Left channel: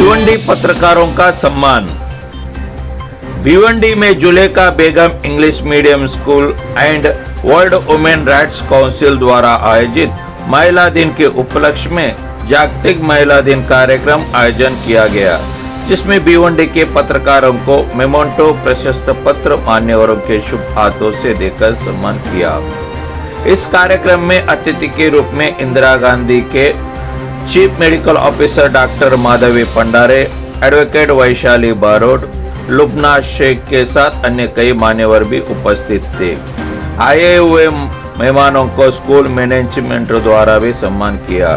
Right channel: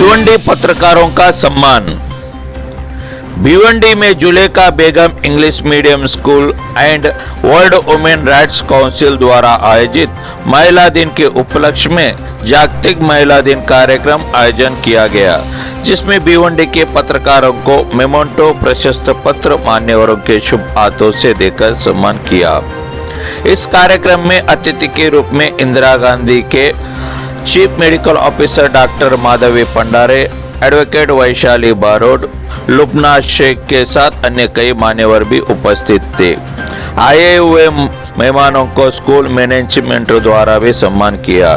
भिवंडी पत्रकारों का सम्मान। भिवंडी में Zulekha Begum English medium school and world women rights council द्वारा आयोजित महिला दिन के उपलक्ष्य में जागतिक महिला दिन कार्यक्रम आयोजन किया गया, जिसमें भिवंडी के पत्रकारों को मेमोंटो प्रशस्ति पत्र मान्यवरों के शुभ हाथों से देकर सम्मान किया। इस कार्यक्रम में अतिथि के रूप में इंदिरा गांधी के chief medical officer doctor Madhavi Pandare, advocate Vaishali Barod, Lubna Shaikh के साथ अन्य कई मान्यवर भी उपस्थित थे। आए हुए मेहमानों को स्कूल मैनेजमेंट द्वारा भी सम्मान किया।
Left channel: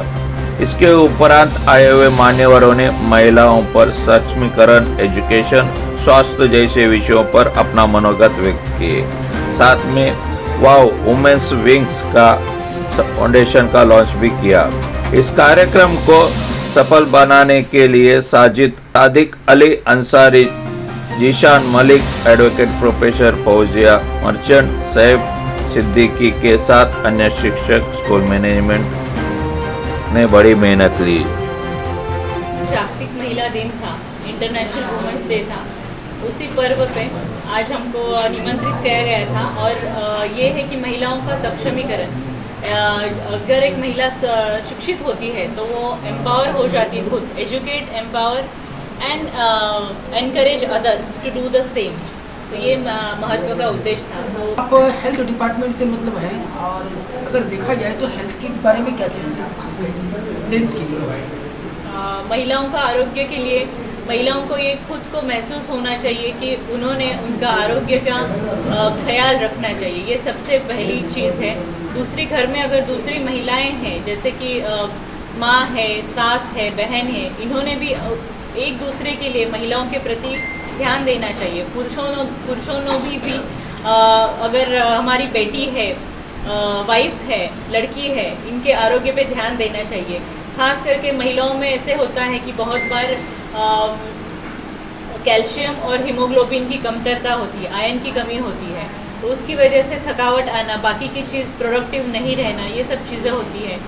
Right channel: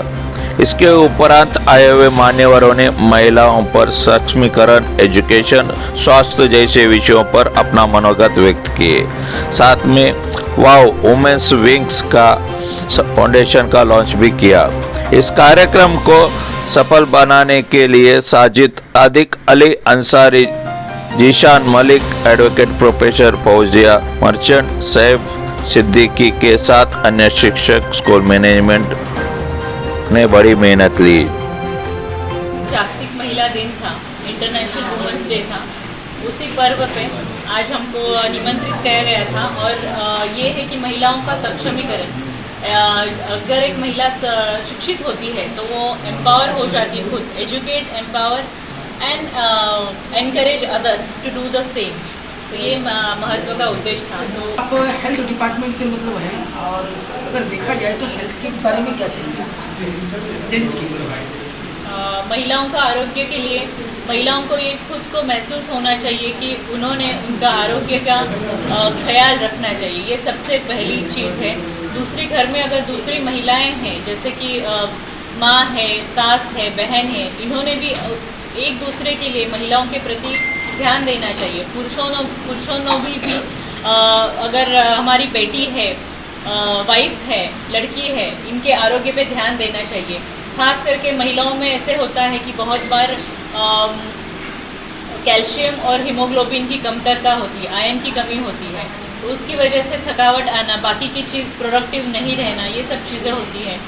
इसके उपरांत आए हुए मान्यवरों ने महिलाओं पर सक्षमीकरण, एजुकेशन, स्वास्थ्य जैसे विषयों पर अपना मनोगत व्यक्त किए। साथ में वाव वुमेन्स विंग्स का फाउंडेशन का लॉन्च भी किया। इस कार्यक्रम को सफल बनाने के लिए साजिद आदिक Ali Ansari, Zeeshan Malik, advocate professor Fauzia merchant, Saif Siddiqui के साथ अन्य शिक्षक, स्कूल मैनेजमेंट ने बड़ी मेहनत ली। जागतिक महिला दिन था, इंटरनेशनल वुमेन्स डे था। उसी पर्व पे आज हमको निमंत्रित किया गया था और ये है कि महिलाओं का सक्षमीकरण। अगर एक महिला शिक्षित होती है तो वो एम्पावर हो जाती है, खुद educate, empower and encourage others to do the same. तो ये महत्व का उद्देश्य था। तो आप हेल्थ डिपार्टमेंट से मतलब है, और अगर देखा जाए तो हेल्थ के बारे में क्या चाहिए लेडीज़ के लिए? महिलाओं का आरोग्य के लिए महिलाओं को ये खुद को महसूस होना चाहिए कि उन्होंने उनका आरोग्य का ख्याल रखना चाहिए। ये सबसे पहली चीज़ है। दूसरी, घर में अगर दूसरी महिलाएं हैं, जैसे कि माँ है, सास है, बहन है, इन्होंने भी एक दूसरे के लिए महिलाओं के प्रति ध्यान देना चाहिए। पुरुषों ने भी अगर हमारी बेटी है, वाइफ है, लड़की है, इनके आरोग्य पे ध्यान देना चाहिए। खास करके महिलाओं में ऐसे होता है कि बहुत बार कैल्शियम और हीमोग्लोबिन की कमतरता होती है, आयरन की कमी होती है, तो उसकी वजह से थकावट आना, बाकी की चीज़ प्रोडक्टिव नहीं रहना, ये सब चीज़ें होती हैं।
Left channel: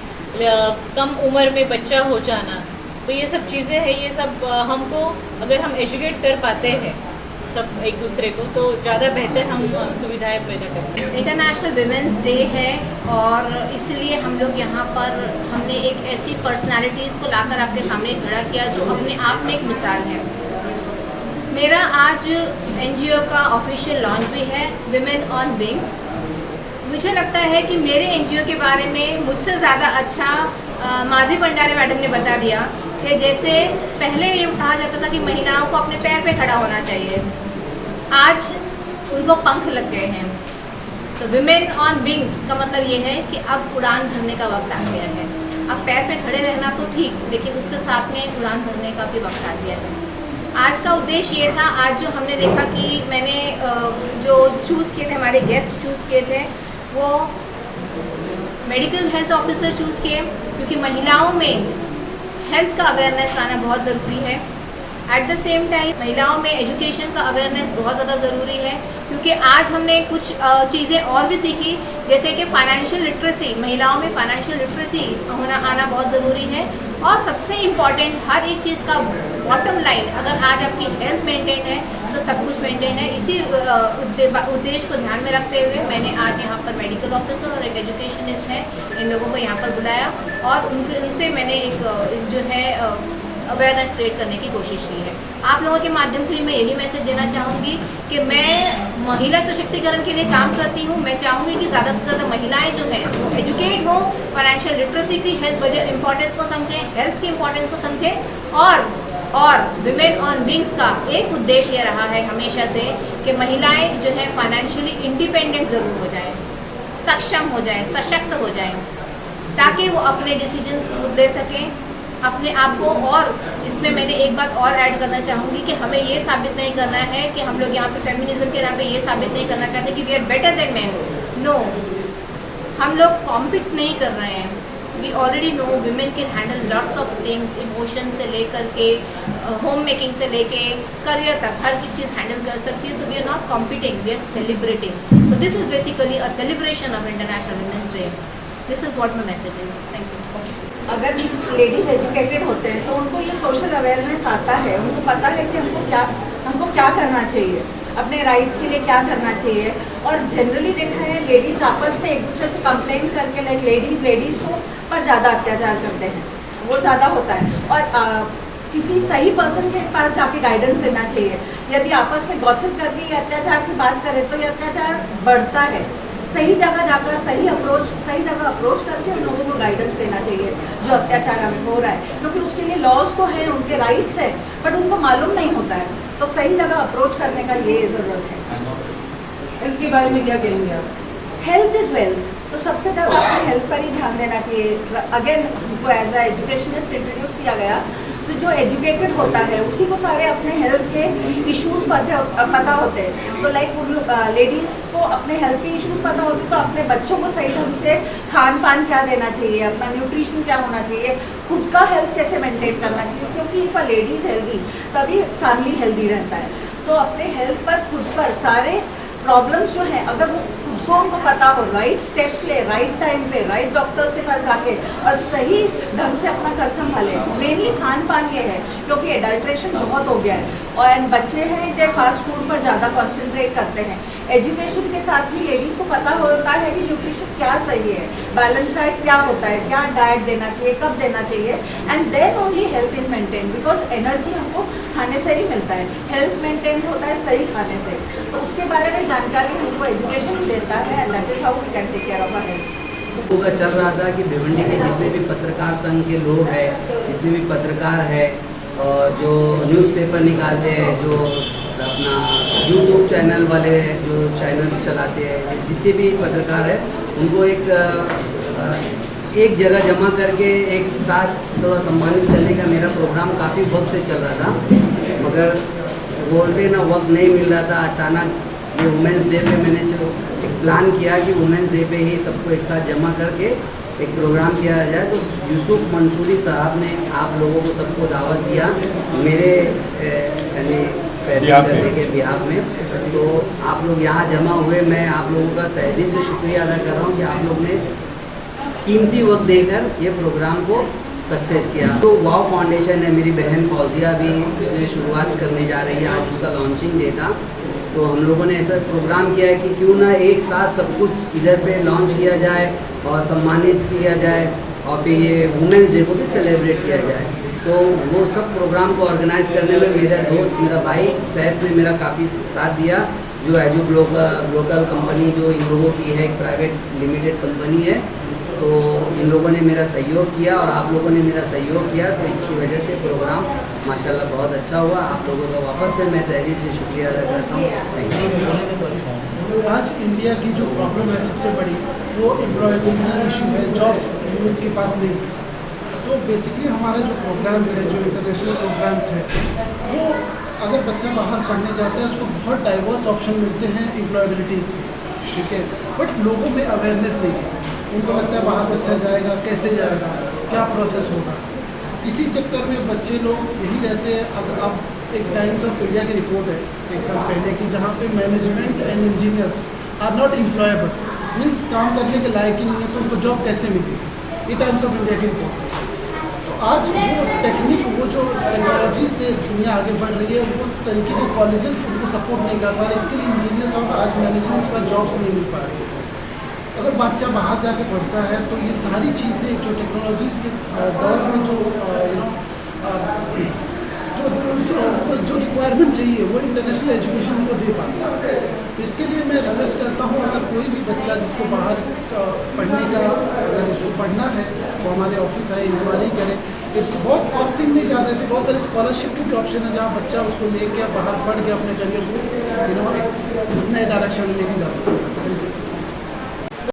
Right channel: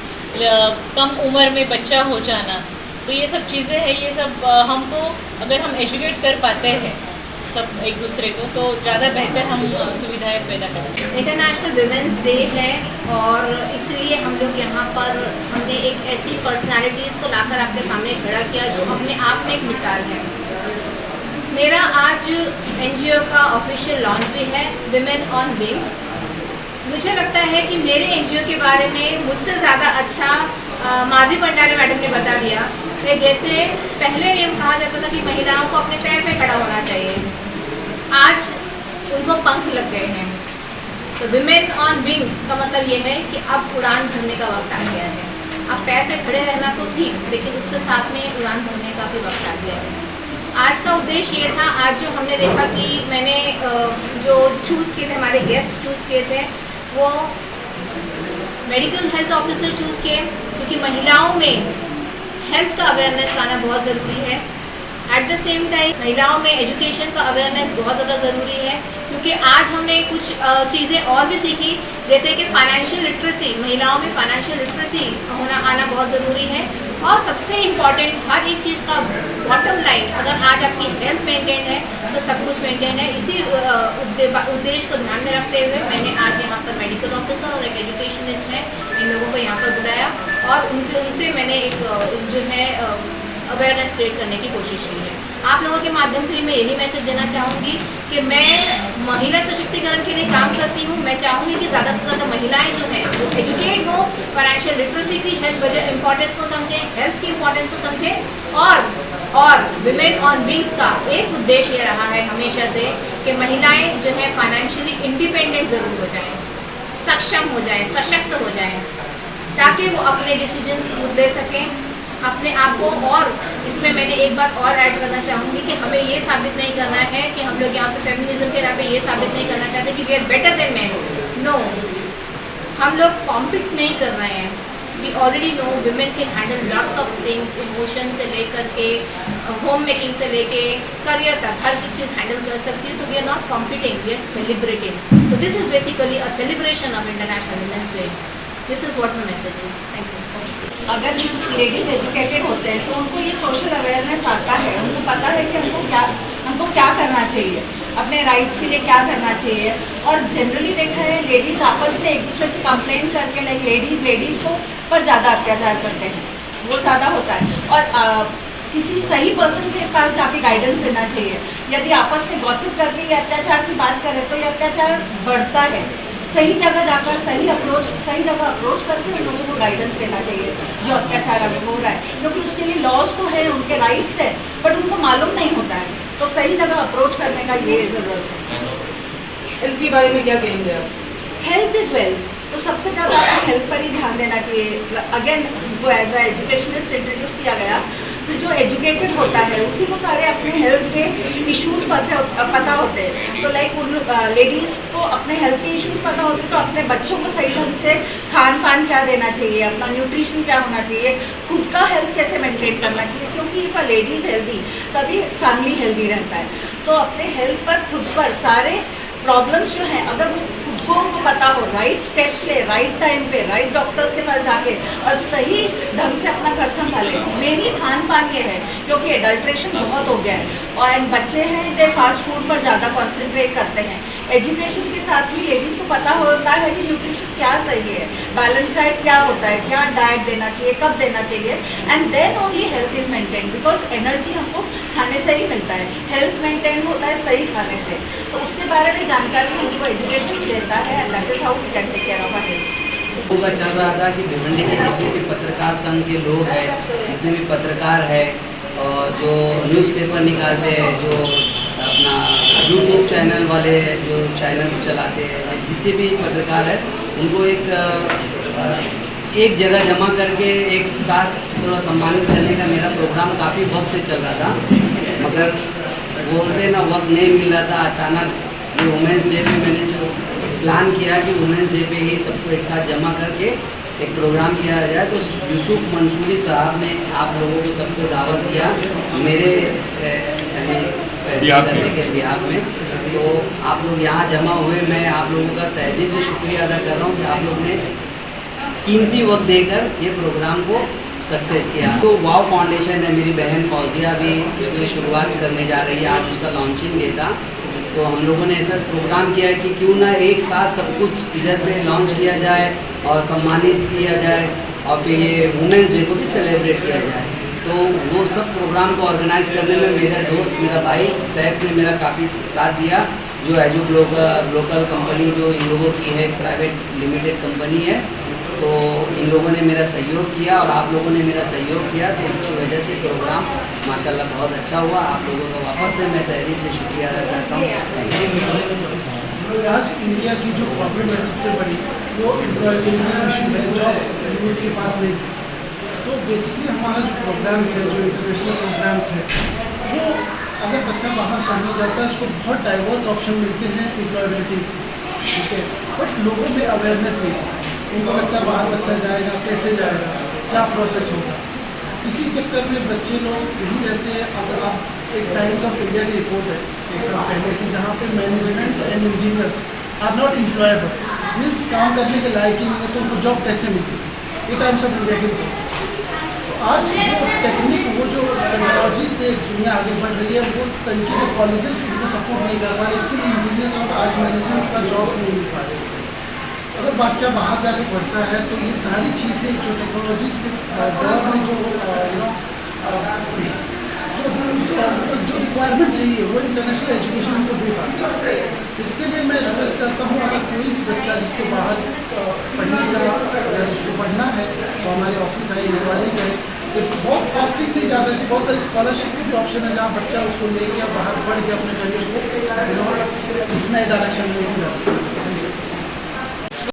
कम उम्र में बच्चा हो जाना, तो ये सब चीज़ें हैं। ये सब हमको अगर हम एजुकेट कर पाते हैं सब एक दूसरे को, तो ज़्यादा बेहतर हम सुविधाएं पैदा कर सकते हैं। इंटरनेशनल वुमेन्स डे है और इसलिए हम लोग यहाँ पर हमने एक ऐसी पर्सनालिटीज़ को लाकर आपके सामने खड़ा किया जो अपने आप में एक मिसाल है। मेरा आज एनजीओ का ऑफिशियल लॉन्च भी है, विमेन ऑन विंग्स। मुझे लगता है कि मेरे एनजीओ के बारे में मुझसे ज़्यादा अच्छा माधवी भंडारे मैडम ने बता दिया कि जैसे पहले ये कहा जाता था कि महिलाओं को अपने पैर पे खड़ा होना चाहिए, आज उनको पंख लग गए हैं। तो विमेन ऑन विंग्स का मतलब ये है कि अब उड़ान भरने का वक्त आ गया है। अब पैर पे खड़े रहना तो ठीक, लेकिन उसके साथ में उड़ान भरने का भी वक्त आ गया है। आज का उद्देश्य ये था, आज जो हमने देखा कि मैंने जो चूज़ किए थे, हमारे गेस्ट चूज़ किए थे, वो मेडिकल हेल्थ ऑफिसर चूज़ किए, क्योंकि महिलाओं में हेल्थ का अवेयरनेस लाना बहुत ज़रूरी है। एट द सेम टाइम महिलाओं में एजुकेशन का अवेयरनेस बहुत ज़्यादा ज़रूरी है, क्योंकि आज हमने कुछ चीज़ें और भी सीखी, जैसे कि फाइनेंशियल लिटरेसी, महिलाओं में फाइनेंशियल लिटरेसी आना बहुत ज़रूरी है। और सबसे इम्पॉर्टेंट, हर एक चीज़ का बॉटम लाइन, अगर आज आपकी हेल्थ मेंटेन है तो सब कुछ मेंटेन है। इसी उद्देश्य को ध्यान में रखते हुए मैंने आज यहाँ पर मेडिकल ऑफिसर और एक एजुकेशनिस्ट है, इन लोगों को यहाँ पर बुलाया और उनसे मैंने एक जो है अवेयरनेस क्रिएट करने की कोशिश की है। आप लोगों के माध्यम से भी मैं यही मैसेज देना चाहूँगी कि मैं महिला सशक्तिकरण के लिए काम करती हूँ। मैं चाहूँगी कि ज़्यादा से ज़्यादा महिलाएं जो हैं वो एजुकेट हो, फाइनेंशियल लिटरेसी की, हेल्थ बजट इंपॉर्टेंस को समझें, हेल्थ की इंपॉर्टेंस को समझें। और विमेन ऑन विंग्स का एक उद्देश्य ये रहा है हमेशा से कि महिलाएँ जो हैं फाइनेंशियली इंडिपेंडेंट ज़रूर हो जाएँ, सक्षम हो जाएँ, सशक्त हो जाएँ, ताकि वो अपने डिसीजंस खुद ले सकें अपने आप को। और इसमें मैंने एक बात और ऐड करना चाहूँगी कि हमें ये साबित नहीं करना है कि हम लोग यहाँ पे फेमिनिज्म के नाम पे ये साबित नहीं करना चाहते कि we are better than man. No, हम लोग कॉम्पिट नहीं कर रहे हैं। We already know women can handle lots of things, emotion से लेकर के होम मेकिंग से लेके करियर तक हर चीज़ हैंडल कर सकती है। तो we are not competing, we are celebrating. So this is basically a celebration of international women's day. This is what my message is. Thank you. अगर लेडीज़ एजुकेटेड होते हैं तो उनको ये सोशल अवेयरनेस आता है, उनको पता है कि हमको क्या करना चाहिए, अपने राइट्स के लिए क्या करना चाहिए। और जनरली देखा है लेडीज़ आपस में एक दूसरे से कंप्लेन करके लाइक लेडीज़ को पर ज़्यादा अत्याचार करते हैं, वो ज़्यादा होता है। और किसी सही पर्सन के पास जाके गाइडेंस लेना चाहिए। यदि आपस में गॉसिप करके ये अत्याचार की बात करें तो ये अत्याचार बढ़ता है। सही जगह जाकर सही जगह अप्रोच करके उन लोगों को गाइडेंस लेना चाहिए जो अत्याचार अभी हो रहा है, क्योंकि उसके लिए लॉज तो है, उनके राइट्स है, बट उनको मालूम नहीं होता है। तो सही जगह अप्रोच करने का ये ज़रूरत है। हेल्थ के बारे में क्या कहेंगे आप? हेल्थ इज़ वेल्थ, तो सबसे ज़्यादा आपको हेल्थ पर ही ध्यान देना चाहिए। अगेन वो एज अ एजुकेशनिस्ट इंट्रोड्यूस किया गया, तो जो एजुकेटेड होता है उसी को सारे अपने हेल्थ के इश्यूज पता होते हैं। तो लाइक उन लेडीज़ को अपने हेल्थ के इश्यूज पता होते हैं तो अपने बच्चों को सही ढंग से खान पान क्या देना चाहिए, अपना न्यूट्रिशन क्या होना चाहिए, खुद का हेल्थ कैसे मेंटेन करना चाहिए, क्योंकि if a lady is healthy तभी फैमिली हेल्दी रहता है। तो अपने हेल्थ पर खुद पर सारे प्रॉब्लम्स जो हैं अगर वो खुद को उनको पता हो, राइट स्टेप्स ले, राइट टाइम पे, राइट डॉक्टर्स के पास जाके और सही ढंग से अपना घर संभाले। मेनली खान पान ये है, क्योंकि एडल्ट्रेशन बहुत हो गया है और बच्चे हैं इतने फास्ट फूड पर ज़्यादा कॉन्सेंट्रेट करते हैं। एजुकेशन के साथ ही लेडीज़ को पता होता है कि न्यूट्रिशन क्या सही है, बैलेंस डाइट क्या होता है, क्या डाइट देना चाहिए, कब देना चाहिए, and then only health is maintain. Because energy हमको खाने से ही मिलता है, हेल्थ मेंटेन होता है सही खाने से। तो उसके बारे में जानकारी हमको एजुकेशन ही देता है, and that is how we can take care of our health. होगा चल रहा था कि भिवंडी के जितने भी पत्रकार संघ के लोग हैं, जितने भी पत्रकार हैं और जो न्यूज़पेपर निकालते हैं, जो अपना यूट्यूब चैनल वाले जो चैनल चलाते हैं, जितने भी पत्रकार हैं उनको एक जगह जमा करके एक साथ थोड़ा सम्मानित करने का मेरा प्रोग्राम काफ़ी वक्त से चल रहा था, मगर बोलते ना वक्त नहीं मिल रहा था। अचानक ये वुमेंस डे पे मैंने जो प्लान किया कि वुमेंस डे पे ही सबको एक साथ जमा करके एक प्रोग्राम किया जाए, तो यूसुफ मंसूरी साहब ने आप लोगों को सबको दावत किया मेरे यानी करने के बिहाफ में। तो आप लोग यहाँ जमा हुए, मैं आप लोगों का तहे दिल से शुक्रिया अदा कर रहा हूँ कि आप लोग ने कीमती वक्त देकर ये प्रोग्राम को सक्सेस किया। तो वाव फाउंडेशन है, मेरी बहन फौजिया भी उसने शुरुआत करने जा रही है, आज उसका लॉन्चिंग डे था। तो हम लोगों ने ऐसा प्रोग्राम किया है कि क्यों ना एक साथ सब कुछ इधर पे लॉन्च किया जाए और सम्मानित किया जाए और फिर ये वुमेंस डे को भी सेलिब्रेट किया जाए। तो वो सब प्रोग्राम को ऑर्गेनाइज करने में मेरा दोस्त, मेरा भाई सैफ ने मेरा काफ़ी साथ दिया, जो एजू ग्लोकल कंपनी जो इन लोगों की है, एक प्राइवेट लिमिटेड कंपनी है। तो इन लोगों ने मेरा सहयोग किया और आप लोगों ने मेरा सहयोग किया, तो इसकी वजह से प्रोग्राम माशाल्लाह बहुत अच्छा हुआ। आप लोगों का वापस से मैं तहरीर से शुक्रिया अदा करता हूँ। आज इंडिया की जो प्रॉब्लम है सबसे बड़ी वो एम्प्लॉयबिलिटी इशू है, जॉब्स यूथ के पास नहीं। तो बेसिकली हमारा जो प्रोग्राम्स है, जो इंटरनेशनल प्रोग्राम्स है, वो अगर बच्चा बाहर पढ़ने जाता है उसको बहुत डाइवर्स ऑप्शन मिलते हैं एम्प्लॉयबिलिटी से, ठीक है, बट लोगों में अवेयरनेस नहीं है। उनको लगता है बाहर बच्चा जाएगा, कैसे जाएगा, क्या प्रोसेस होगा। इसी चक्कर में बच्चे लोग यही रहते हैं। अब आप एक टाइम्स ऑफ इंडिया की रिपोर्ट है एक साल पहले की, जहाँ पे management and engineers are not employable, means काम करने के लायक ही नहीं है, तो उनको जॉब कैसे मिलती है, ये टाइम्स ऑफ इंडिया की रिपोर्ट। तो आज वो टेक्निक, वो जो टेक्नोलॉजी से दुनिया आगे बढ़ रही है, वो तरीके के कॉलेजेस उनको सपोर्ट नहीं कर पा रहे, इसके लिए इंजीनियर्स और आज मैनेजमेंट्स का जॉब्स नहीं मिल पा रहे। अगर बच्चा बाहर जाकर पढ़ता है तो ये सारी चीज़ें जो टेक्नोलॉजीज के दौर में जो रिक्वायरमेंट चाहिए वो इंटरनेशनल एजुकेशन उनको दे पाता है। तो इसके लिए मैं रिक्वेस्ट करता हूँ, अगर कोई भी बच्चा जिसको बाहर पढ़ने का, अगर जिसको पढ़ना है तो हमारे ऑफिस आए, इंक्वायरी करें। इस बहुत कॉस्टिंग नहीं ज़्यादा थी, बहुत सारी स्कॉलरशिप के भी ऑप्शन है जहाँ बच्चा उसको लेके बाहर पढ़ के अपने करियर को नए डायरेक्शन में लेके जा सकता है।